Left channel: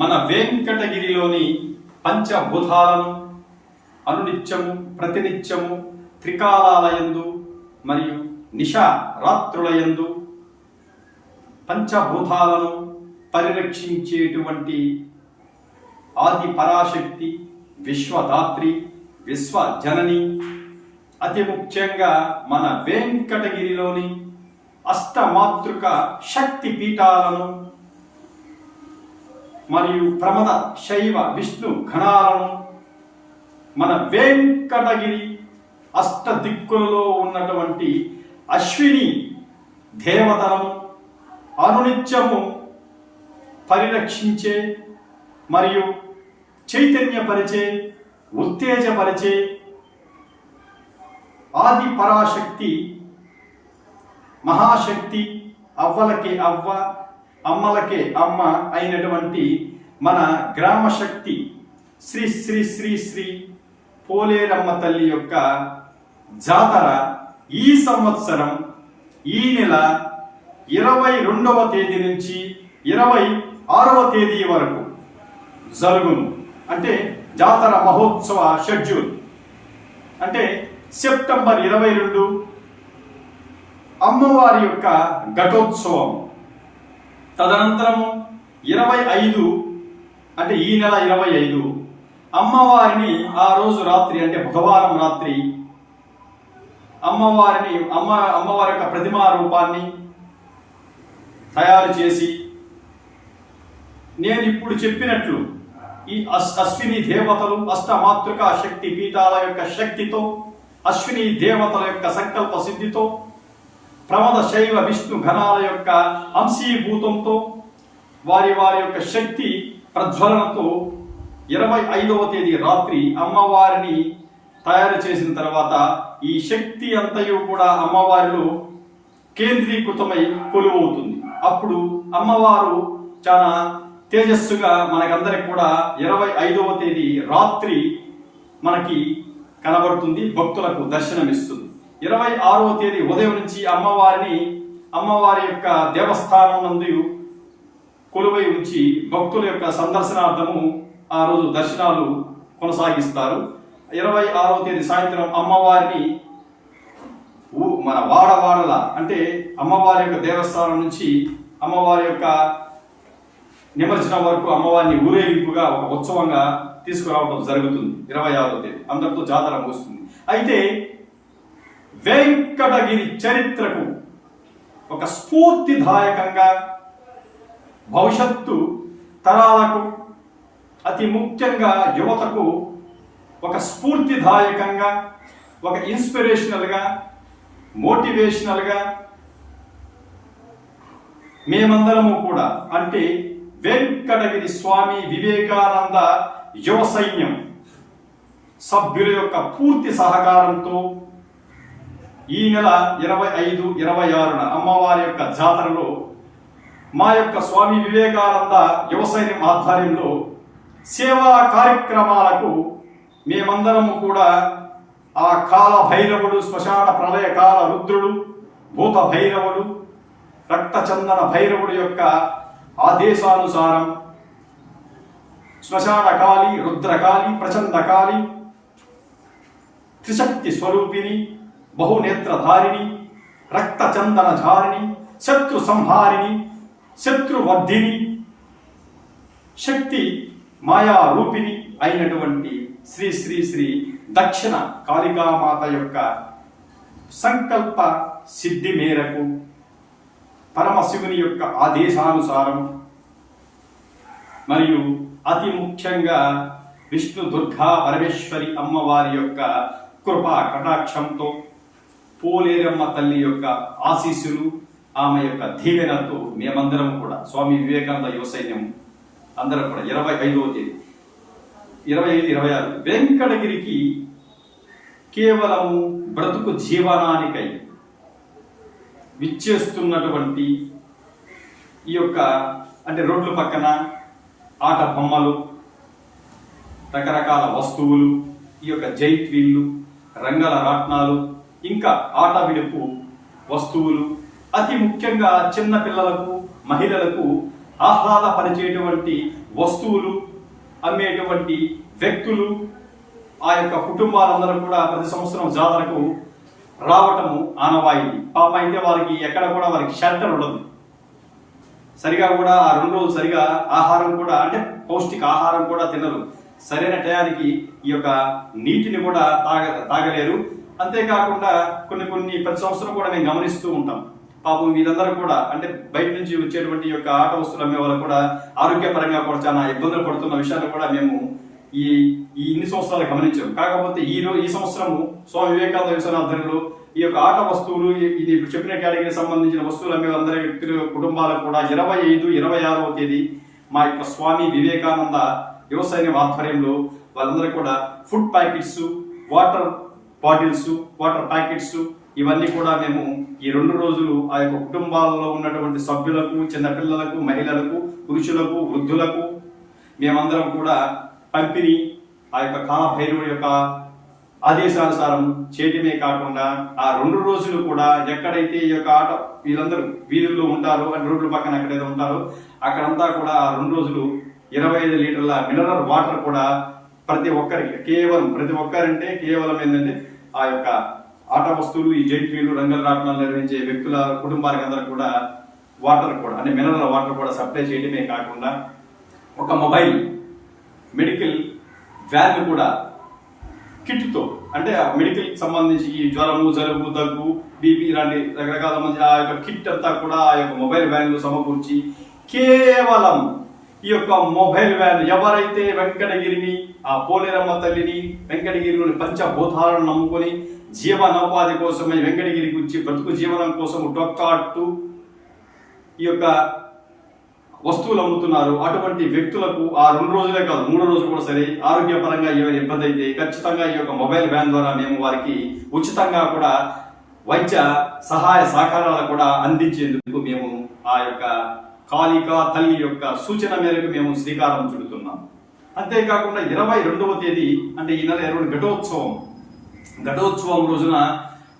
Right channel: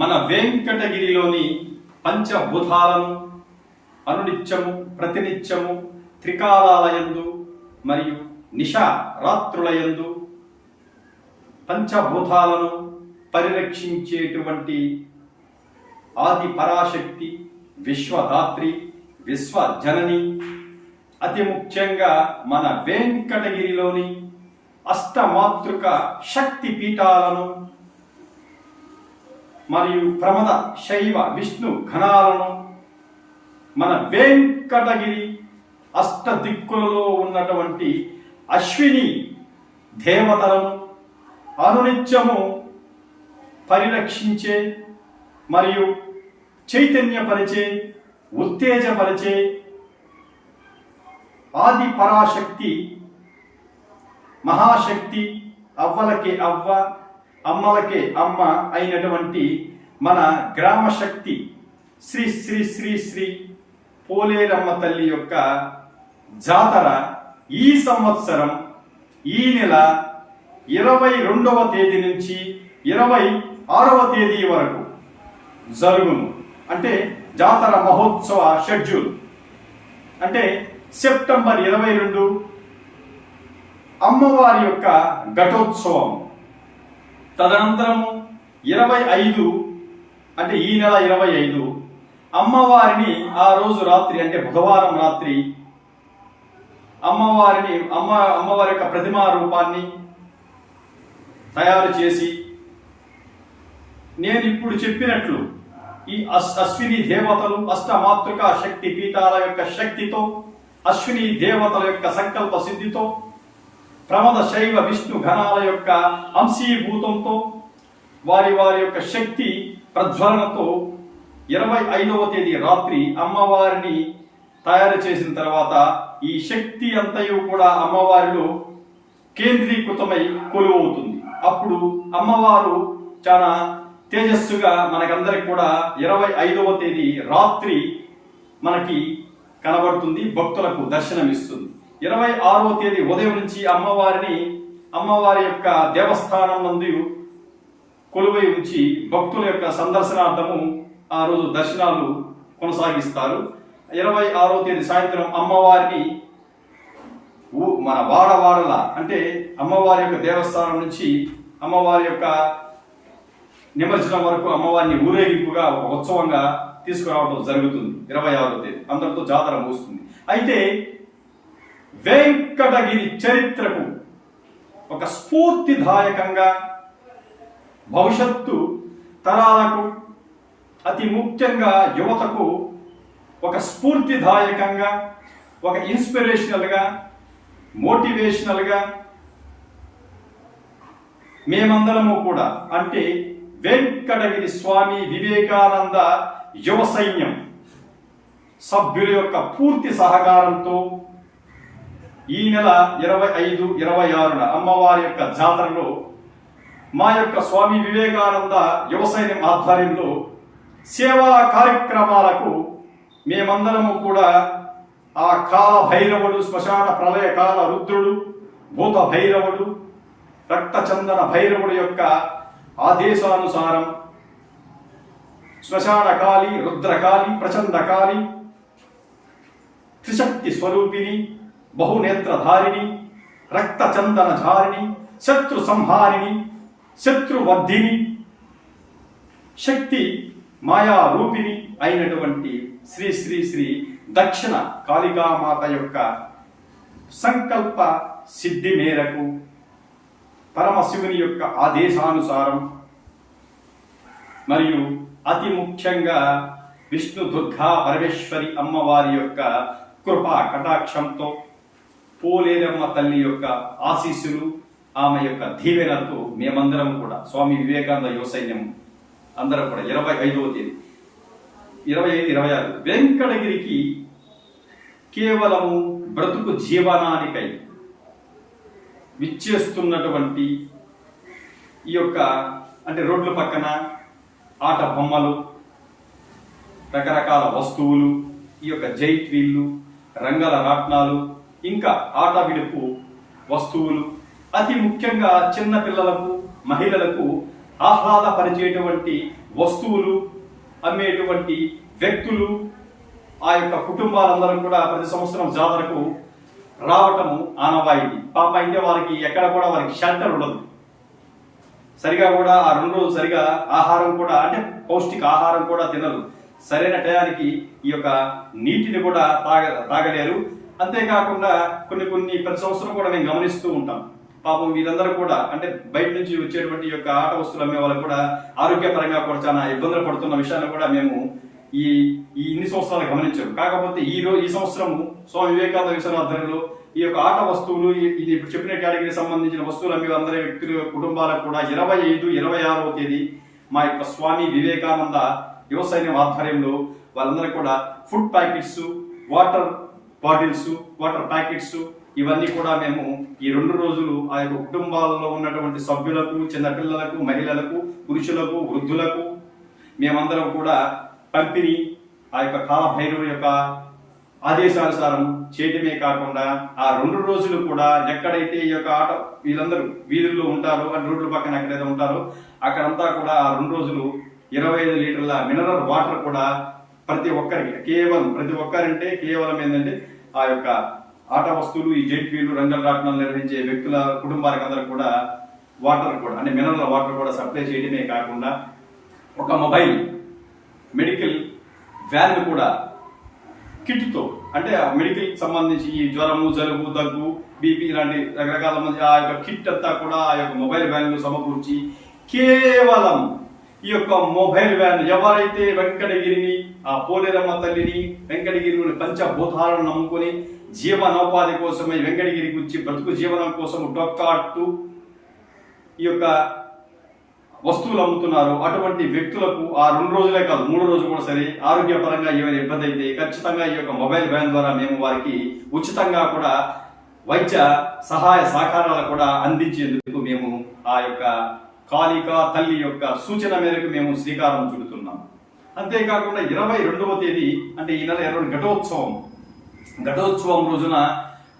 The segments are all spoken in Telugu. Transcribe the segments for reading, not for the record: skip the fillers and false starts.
మన వెంకటగిరిలోని పంచభూతాలను అనునిత్యము ప్రతినిత్యము త్రికాలాలయందు మరియు నిశా రాత్రులయందు పంచభూతాలను పరిరక్షించేటువంటి ఆది పరాశక్తి, విశ్వదాత్రి, విశ్వజనని, అతి ముఖ్యంగా మన వెంకటగిరిలోని అష్టమాతృక శక్తి పీఠాలను మరియు ప్రమద శైవ విష్ణు ఘనాలను మన వెంకటగిరి అష్ట దిక్కులలో ఉన్నటువంటి అశ్విని దేవతలను అనునిత్యము పరిరక్షించే మరియు చైతన్యపరిచే, ఉత్తేజపరిచే ఆది పరాశక్తి, మహాశక్తి, అవ్వలకే అవ్వ, అమ్మలకే అమ్మ అయినటువంటి మన గ్రామ శక్తి శ్రీ శ్రీ శ్రీ శ్రీ పోలేరమ్మ తల్లి యొక్క జాతర ఈ సంవత్సరం ఈ నెల 22వ తేదీ నుంచి 26వ తేదీ వరకు జరుగును. అంటే జాతర మహోత్సవ షెడ్యూల్ అంటే సెప్టెంబర్ 22 అమ్మవారి యొక్క ఘటోత్సవం, తదనంతరము 25 అంటే ఈ నెల 25 అమ్మవారిని ఆ రోజు రాత్రి అంటే బుధవారం రాత్రి అమ్మవారి యొక్క ప్రతిమా రూపాన్ని తయారు చేసి నేను ఇప్పుడు చెప్పినట్లు ఈ అశ్విని దేవతలు అష్టమాతృక శక్తి పీఠాల యొక్క శక్తితో, అశ్విని దేవతల యొక్క సంకల్ప సిద్ధితో, ప్రమద శైవ విష్ణు ఘనాల యొక్క అంశీభూతంతో, వారి యొక్క శక్తి ప్రజ్వలనతో 25వ తేదీ రాత్రి అమ్మవారిని తయారు చేసిన తర్వాత ఈ శక్తి అంతయు కూడా అమ్మవారిలో కేంద్రీకృతమై కొలువవుతుంది. అప్పుడు అమ్మవారు చాలా తేజస్సుగా మనకందరికి కూడా 25వ తేదీ రాత్రి మనకి కనబడుతుంది, భక్తులకు దర్శనమిస్తుంది. 26వ తేదీ ఉదయం నుంచి అమ్మవారి యొక్క దేవస్థానం నందు కొలువై ఉంచి భక్తుల యొక్క సందర్శనార్థము ఆ రోజు దర్శనాలు కొనసాగిస్తారు. 26వ తేదీ సాయంత్రం అమ్మవారిని మన వాడల అంటే అమ్మవారి యొక్క దేవస్థానం నుంచి అమ్మవారి యొక్క నిమజ్జనం వరకు అమ్మవారిని ఊరేగింపుగా ఒక ఉత్సవంగా తీసుకురావడం జరుగుతుంది. 26వ తేదీ అందరితో జాతర ముగుస్తుంది. అయితే వెంకటగిరి చరిత్రకు ఒక స్ఫూర్తిదాయకంగా భవిష్యత్తు తరాలకు, అతి ముఖ్యంగా యువతకు ఒక స్ఫూర్తిదాయకంగా, ఒక ఇన్స్పిరేషనల్గా, మోటివేషనల్గా మేమందరము కూడా అంటే వెంకటగిరి స్వామి వివేకానంద యువ సైన్యం సభ్యుల యొక్క పూర్తి సహకారంతో ఈ నెల 25, 26న అమ్మవారి యొక్క జాతరలో మా యొక్క స్వామి వివేకానంద యువ సైన్యం ఆధ్వర్యంలో సేవా కార్యక్రమాలకు మేమందరము కూడా ఆ కాల భైరవుడు, శ్మశాన ప్రళయకాల రుద్రుడు, భూత భైరవుడు, రక్తచందన భైరవుడు యొక్క ఆదేశానుసారం శ్మశానకాళి, రుద్రకాళి, ప్రచండకాళి, త్రిశక్తి స్వరూపిణి, బహునేత్రధారిణి, రక్తచందనధారిణి, శత్రు సంహారిణి, శత్రువర్ధిని, శక్తి మాయా రూపిణి అయినటువంటి శ్రీ శ్రీ శ్రీ దక్షిణ కాళికామాత యొక్క సంకల్ప సిద్ధి మేరకు పరమశివుని యొక్క ఆదేశానుసారం మరియు అతి ముఖ్యంగా విష్ణు దుర్గా పరమేశ్వరి అమ్మవారి యొక్క కృపా కటాక్షంతో, పోలేరమ్మ తల్లి యొక్క ఆశీస్సులు, ఆమె యొక్క దీవెనతో మేమందరం కూడా స్వామి వివేకానంద యువ సైన్యం అందరం కూడా 25వ తేదీ 25, 26 వెంకటగిరికి కేవలము బ్రతుకు జీవనానికై విచ్చేస్తున్నటువంటి ఈ యొక్క అంటే రోడ్ల పక్కన ఆట బొమ్మలు, రకరకాల వస్తువులు, ఈ యొక్క జైట్ వీళ్ళు, రంగల రాట్నాలు, ఇంకా ఆట విడుపు వస్తువులు, అతి ముఖ్యంగా చిన్న పిల్లలకు, మహిళలకు ఆహ్లాదపరిచేటువంటి వస్తువులు అమ్మేటువంటి వ్యక్తులు ఆ యొక్క కుటుంబాలందరూ కూడా ప్రతి సంవత్సరం జాతరకు రావటము ఆనవాయితీ. పాప అయితే వారికి ఎక్కడ కూడా వారికి షెల్టర్ ఉండదు, సరిగా కూడా ఆ 2 రోజులు సరిగా ఆహారం కూడా అంటే పౌష్టిక ఆహారం కూడా తినరు, సరైన టయానికి ఈ యొక్క నీటిని కూడా తాగలేరు. అంతేకాకుండా కొన్ని ప్రతి సంవత్సరం కూడా మేము గమనిస్తూ ఉంటాం. పాపం వీరందరూ కూడా అంటే బయట నుంచి వచ్చేటువంటి యొక్క ఆట వస్తువులు అమ్మే వాళ్ళు కూడా ఆరోగ్యపరంగా కూడా చాలా ఇబ్బందులు పడుతున్న విషయాన్ని కూడా మేము ఈ ఇన్ని సంవత్సరాలు గమనించాం. కాకపోతే ఈ సంవత్సరము స్వామి వివేకానంద యువసేన ఆధ్వర్యంలో ఈ యొక్క ఆట వస్తువులు ఇది ఇప్పుడు చెప్పిన కేటగిరీకి సంబంధించిన వస్తువులు అమ్మే అందరి వ్యక్తుల కుటుంబాలకు కూడా 25, 26వ తేదీ మా యొక్క స్వామి వివేకానంద యువ సైన్యం ఆధ్వర్యంలో వాళ్ళందరూ కూడా food packets, water bottles, water packets ఇవన్నీ కూడా మేము ఈ 2 రోజులు ఆ యొక్క కుటుంబాలలో ఉన్నటువంటి సభ్యులకు, చిన్నపిల్లలకు, మహిళలకు, పురుషులకు, వృద్ధులకు మేమందరం కూడా పంపిణీ ఆ యొక్క కాలభైరవుడి యొక్క ఆదేశానుసారం చేయటమే కాకుండా ఆ 2 రోజులు కూడా ఎక్కడైతే ఈ యొక్క ఆట వీళ్ళందరూ వీధుల్లో ఉంటారో, రోడ్ల పక్కన ఎక్కడైతే ఉంటారో అక్కడంతా కూడా ఆ 2 రోజులు 25 లీటర్ల మినరల్ వాటర్ కూడా ప్రతి ఒక్కరికి ప్రతి ఒక్కరంటే కేవలం ఏంటంటే ఆ యొక్క ఆట వస్తువులు, ఈ జెట్ వీలు, రంగుల రాట్నాలు నిర్వహించే వ్యక్తుల కుటుంబానికి అందరూ కూడా వాటర్ కూడా అంటే మినరల్ వాటర్ కూడా సప్లై చేయడమే కాకుండా ఒక మొబైల్ మెడికల్ వ్యాన్ కూడా కిట్తో అంటే మెడికల్ సంబంధించి ఈ జ్వరము, జలుబు, దగ్గు, బీపీ ఇలాంటి రకరకాల మంది ఆ యొక్క కిట్ అంతా కూడా ఆ యొక్క మొబైల్ వ్యాన్లు సమకూర్చి కేవలం ఈ యొక్క మొబైల్ వ్యాన్ ఎవరైతే వెంకటగిరిని ఆ పోలేరమ్మ తల్లిని వెంకటగిరిలోని పంచభూతాలను నమ్ముకొని జీవనోపాధి కోసమై వెంకటగిరికి వచ్చి బ్రతుకు జీవనం కోసం డొక్కాడుతూ ఈ యొక్క వస్తువులు అమ్ముతున్నారు. అటువంటి వ్యక్తులకు ఆ 2 రోజులే కాదు 3 రోజులు కూడా సరే ఆరోగ్యపరంగా ఏమైనా ఇబ్బంది అయితే ఖచ్చితంగా ఈ యొక్క మొబైల్ వ్యాన్ ద్వారా మేము వారికి ఉచితంగా కూడా వైద్య సహాయ సహకారాలు కూడా అందించేందుకు మేము ఆ యొక్క కాళికా తల్లి యొక్క సూచన మేరకు మేము శ్రీకారం చుడుతున్నాం. అంతేకాకుండా 22వ తేదీ అంటే ఈ నెల 20 ఘటోత్సవం రోజున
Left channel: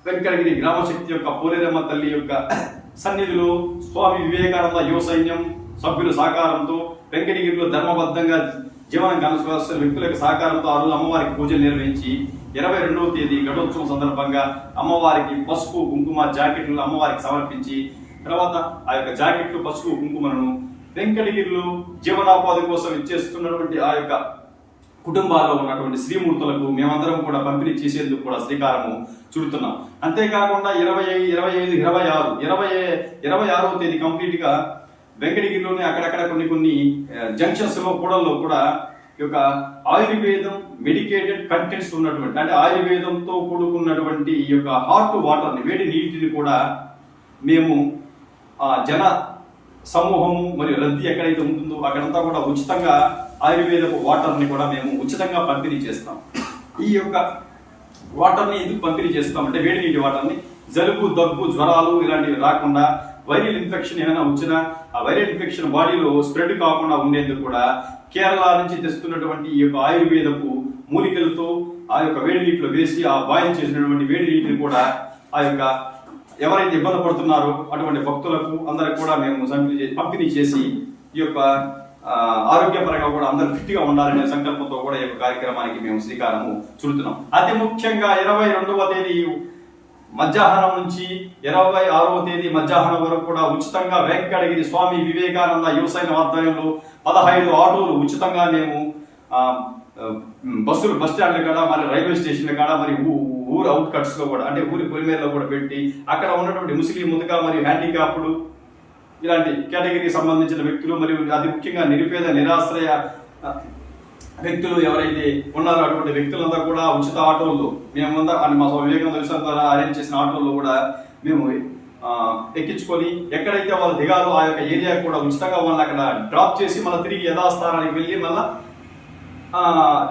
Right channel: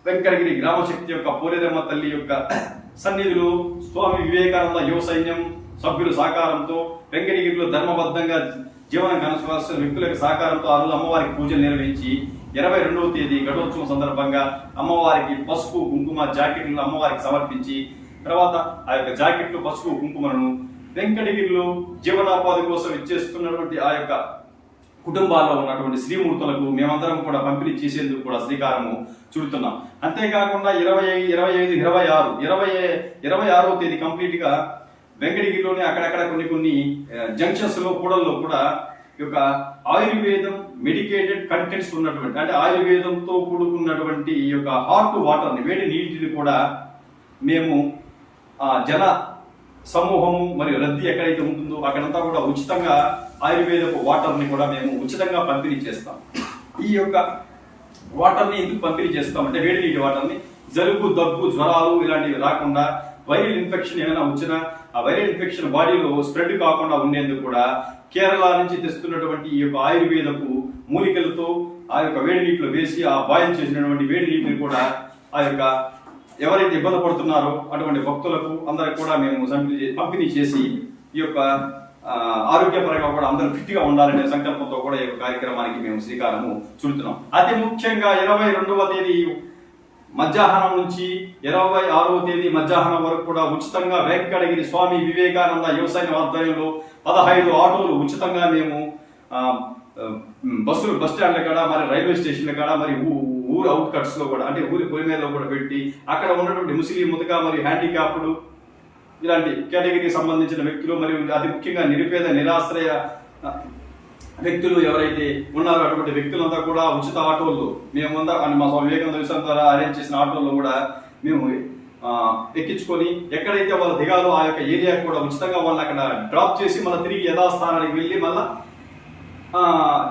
వెంకటగిరి గ్రామశక్తి యొక్క పోలేరమ్మ తల్లి యొక్క సన్నిధిలో స్వామి వివేకానంద యువ సైన్యం సభ్యుల సహకారంతో వెంకటగిరిలో ధర్మబద్ధంగా జీవనం కనసాగిస్తున్న వ్యక్తుల యొక్క సహకారంతో ఆ రోజు అమ్మవారికి పూజలు నిర్వహించి 22వ తేదీ ఘటోత్సవం సందర్భంగా అమ్మవారికి పసుపు, కుంకుమ జాకెట్లు అమ్మవారికి సమర్పించి తర్వాత ఆ యొక్క జాకెట్లు, పసుపు, కుంకుమను వెంకటగిరిలో జీవనోపాధి కోసం ఇచ్చేస్తున్నటువంటి ఆ యొక్క కుటుంబాల్లో ఉన్నటువంటి శ్రీమూర్తులకు మేమందరం కూడా పంపిణీ చేసేందుకు కూడా శ్రీకారము చుడుతున్నాం. అంతేకాకుండా 25, 26వ తేదీ కంప్లీట్ గా వెంకటగిరిలోనే అక్కడక్కడ కొన్ని జంక్షన్స్ లో కూడల్లో కూడా ఈ యొక్క ఆయుర్వేదం మెడికేటెడ్ కంటెంట్స్ ఉన్నటువంటి అంటే ఆయుర్వేదంతో కూడుకున్నటువంటి ఈ యొక్క హాట్ వాటర్ని, వేడి నీటిని కూడా మేము జన సమూహము మరియు రద్దీ ఎక్కడైతే ఉంటుందో అక్కడంతా కూడా ఉచితంగా ఆయుర్వేదపు వాటర్ని కూడా మేము ఉచితంగా పంపిణీ చేస్తాం. ఈ యొక్క వాటర్ని ఎందుకు పంపిణీ చేస్తామంటే వేడి నీటి వాటర్ని జలుబు, దగ్గు, జ్వరాలు ఇలాంటివి రాకుండా వైరల్ ఇన్ఫెక్షన్ ఏమైనా వచ్చినా ఆ వైరల్ ఇన్ఫెక్షన్ బాడీలో స్ప్రెడ్ కాకుండా ఉండేందుకు కూడా కేరళ నుంచి తెస్తున్నటువంటి ఈ యొక్క ఆయుర్వేదపు మూలికలతో ఆ యొక్క వేడి నీటిలో వేసి ఆ బాయిల్ చేసినటువంటి వేడి నీటిని కూడా ఆ యొక్క ఎవరైతే ఇబ్బంది పడుతున్నారో అటువంటి భక్తులకు అందరికి కూడా మేము పంపిణీ చేసి ఈ యొక్క ఆరోగ్యపరంగా కూడా అందరూ ఫిట్గా ఉండాలనే సంకల్పంతో కూడా ఈ కార్యక్రమానికి మేము శ్రీకారము చుడుతున్నాం. అతి ముఖ్యంగా 22వ తేదీ మధ్యాహ్నం నుంచి 26వ తేదీ మధ్యాహ్నం వరకు కూడా ఉచితంగా వెంకటగిరి స్వామి వివేకానంద యువ సైన్యం ఆధ్వర్యంలో 15 ఆటోలు ఉచితంగా మేము బస్ స్టాండ్ల కాడ మరి రైల్వే స్టేషన్ల కాడ మరి ఊరు అవుట్ కట్స్ లో కూడా అంటే ఊరి పొలిమేరలో కూడా పెట్టి అక్కడ ఉన్నటువంటి ముస్లిం ముతక మరియు హ్యాండిక్యాప్డ్ ఇలాంటి కేటగిరీకి సంబంధించిన వ్యక్తులు మరియు అతి ముఖ్యంగా నిరుపేద నిరాశ్రయ వ్యక్తులు ఎవరైతే ఉన్నారో అటువంటి వ్యక్తులంతా కూడా ఉచిత ఆటోల్లో మేమంతా మా వివేకానంద విషయం ద్వారా అరేంజ్ చేసిన ఆటోల్లో కూడా మేము ఎక్కించుకొని ఎక్కడైతే వాళ్ళ దిగాలో ఆ యొక్క ఏరియా కూడా ఉచితంగా వాళ్ళని అక్కడ డ్రాప్ చేసి మళ్ళీ తిరిగి యథాస్థానానికి వెళ్ళి మళ్ళా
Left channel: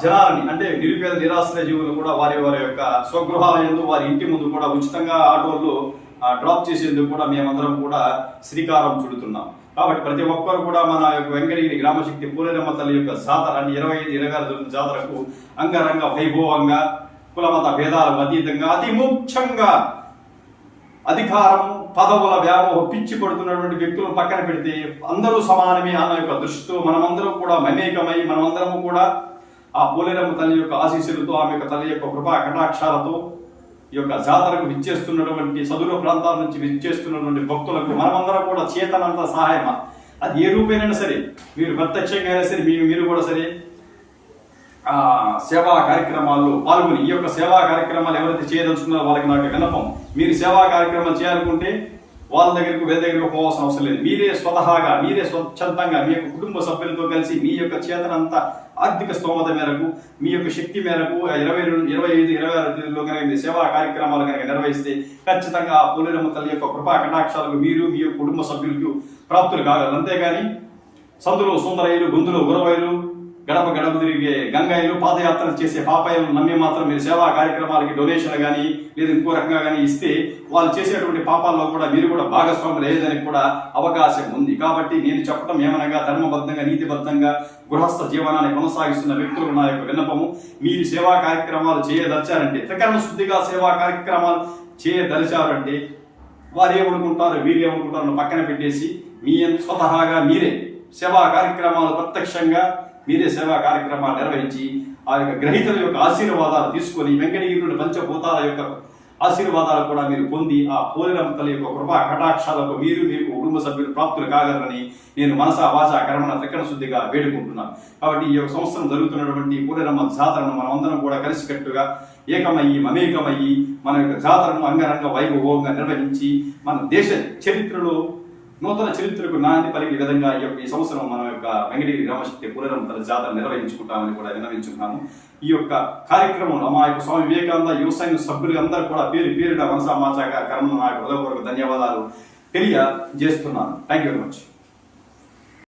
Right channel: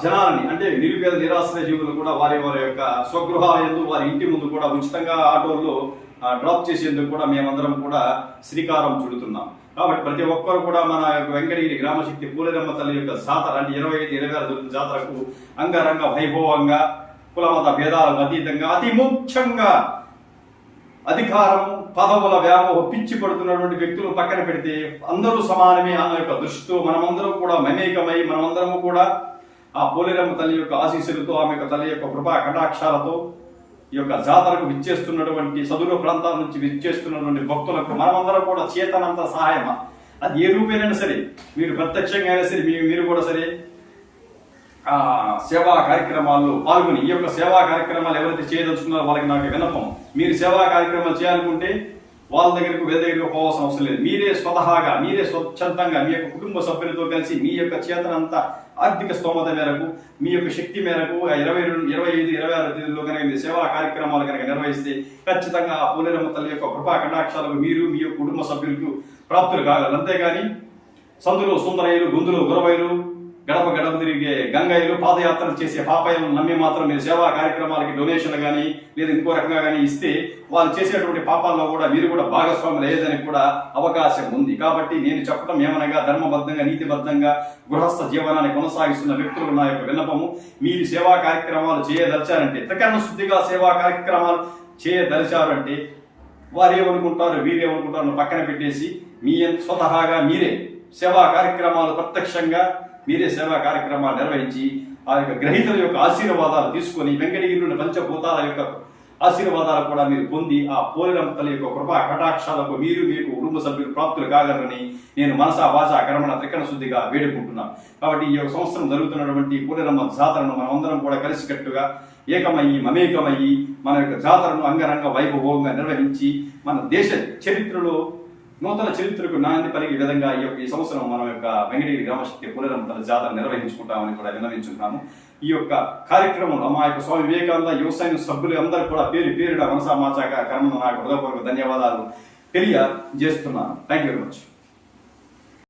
జనాలని అంటే నిరుపేద నిరాశ్రయ జీవులు కూడా వారి యొక్క స్వగృహాలందు వారి ఇంటి ముందు కూడా ఉచితంగా ఆటోల్లో డ్రాప్ చేసేందుకు కూడా మేమందరం కూడా శ్రీకారం చుడుతున్నాం. కాబట్టి ప్రతి ఒక్కరు కూడా మన యొక్క వెంకటగిరి గ్రామశక్తి పోలేరమ్మ తల్లి యొక్క జాతర అంటే 25, 26 జాతరకు అంగరంగ వైభవంగా కులమత భేదాలకు అతీతంగా అతి ముఖ్యంగా అధికారం పదవుల వ్యామోహ పిచ్చి పడుతున్నటువంటి వ్యక్తులను పక్కన పెడితే అందరూ సమానమే అన్న యొక్క దృష్టితో మనమందరం కూడా మమేకమై మనమందరం కూడా ఆ పోలేరమ్మ తల్లి యొక్క ఆశీస్సులతో ఆమె యొక్క తల్లి యొక్క కృపా కటాక్షాలతో ఈ యొక్క జాతరకు విచ్చేస్తున్నటువంటి సదురు ప్రాంతాల నుంచి విచ్చేస్తున్నటువంటి భక్తులకు మనమందరం కూడా చేతనంత సహాయమా అది ఏ రూపేనైనా సరే మీరు ప్రత్యక్షంగా అయినా సరే మీరు కూడా సరే సేవా కార్యక్రమాల్లో పాల్గొని ఈ యొక్క సేవా కార్యక్రమాలు ఎవరైతే చేయదలుచుకున్నారో వాళ్ళకి నాకు విన్నపం. మీరు సేవా కార్యక్రమాలు చేయాలనుకుంటే వాళ్ళ దగ్గరకు వేరే దగ్గరకు పోవాల్సిన అవసరం లేదు. మీరే స్వతహాగా మీరే స్వచ్ఛందంగా మీ యొక్క కుటుంబ సభ్యులతో కలిసి మీ యొక్క చేతనంత ఆర్థిక స్తోమత మేరకు మీ యొక్క శక్తి మేరకు 25, 26 తేదీలో కనుక మీరు సేవా కార్యక్రమాలు కనుక నిర్వహిస్తే ఖచ్చితంగా ఆ పోలేరమ్మ తల్లి యొక్క కృపా కటాక్షాలకు మీరు మీ యొక్క కుటుంబ సభ్యులకు ప్రాప్తులు కాగలరు. అంతేగాని సందులో సుందరయ్యలు, గొంతులో గురవయ్యలు, గడప గడప తిరిగే గంగాయిలు, పాదయాత్రలు చేసే పాపాయిలను నమ్మి మాత్రం మీరు సేవా కార్యక్రమాలకి డొనేషన్లు కానీ లేదా ఇంకో రకంగా కానీ ఇస్తే వాళ్ళు చేసేటువంటి పాపాల్లో కూడా మీరు కూడా భాగస్వాములు అయ్యేదానికి కూడా అవకాశం ఉంది. కాబట్టి నేను చెప్పడం ఏమనగా ధర్మబద్ధంగా నీతిబద్ధంగా గృహస్థ జీవనాన్ని కొనసాగిస్తున్న వ్యక్తులకు నా యొక్క విన్నపము, మీరు సేవా కార్యక్రమాలు చేయదలిచారంటే త్రికరణ శుద్ధిగా సేవా కార్యక్రమాలు చేయదలిచారంటే వారు ఏమనుకుంటారు వీరేమనుకుంటారు పక్కన పెట్టేసి మీ స్వతహాగా మీరే సేవా కార్యక్రమాలు ప్రత్యక్షంగా మీరే సేవా కార్యక్రమాలు నిర్వహించి ఆ యొక్క గ్రహీతల యొక్క ఆశీర్వాదాలు తీసుకొని వెంకటగిరి పంచభూతాల యొక్క ఆశీర్వాదాలు కూడా మీరు పొంది ఆ పోలేరమ్మ తల్లి యొక్క కృపా కటాక్షాలకు మీరు మీకు కుటుంబ సభ్యులు ప్రాప్తులు కాగలరని నేను మనసా వాచ కర్మణ త్రికరణ శుద్ధిగా వేడుకుంటున్నాను. కాబట్టి ఈ యొక్క సంవత్సరం జరుగుతున్నటువంటి పోలేరమ్మ జాతరను మనం అందరం కూడా కలిసికట్టుగా ఏకమయ్యి మమేకమయ్యి మన యొక్క జాతరను అంగరంగ వైభవంగా నిర్వహించి మన దేశ చరిత్రలో నూతన చరిత్రకు నాంది పలికే విధంగా ఈ సంవత్సరం మన యొక్క వెంకటగిరి గ్రామశక్తి పోలేరమ్మ తల్లి జాతర నిర్వహించుకుంటామని కూడా విన్నవించుకున్నాము. ఈ యొక్క కార్యక్రమంలో మా యొక్క స్వామి వివేకానంద యువసైన్య సభ్యులు అందరూ కూడా పేరున మనసా మాచాక కర్మను నాకు హృదయపూర్వక ధన్యవాదాలు తెలియజేస్తున్నాను. Thank you very much.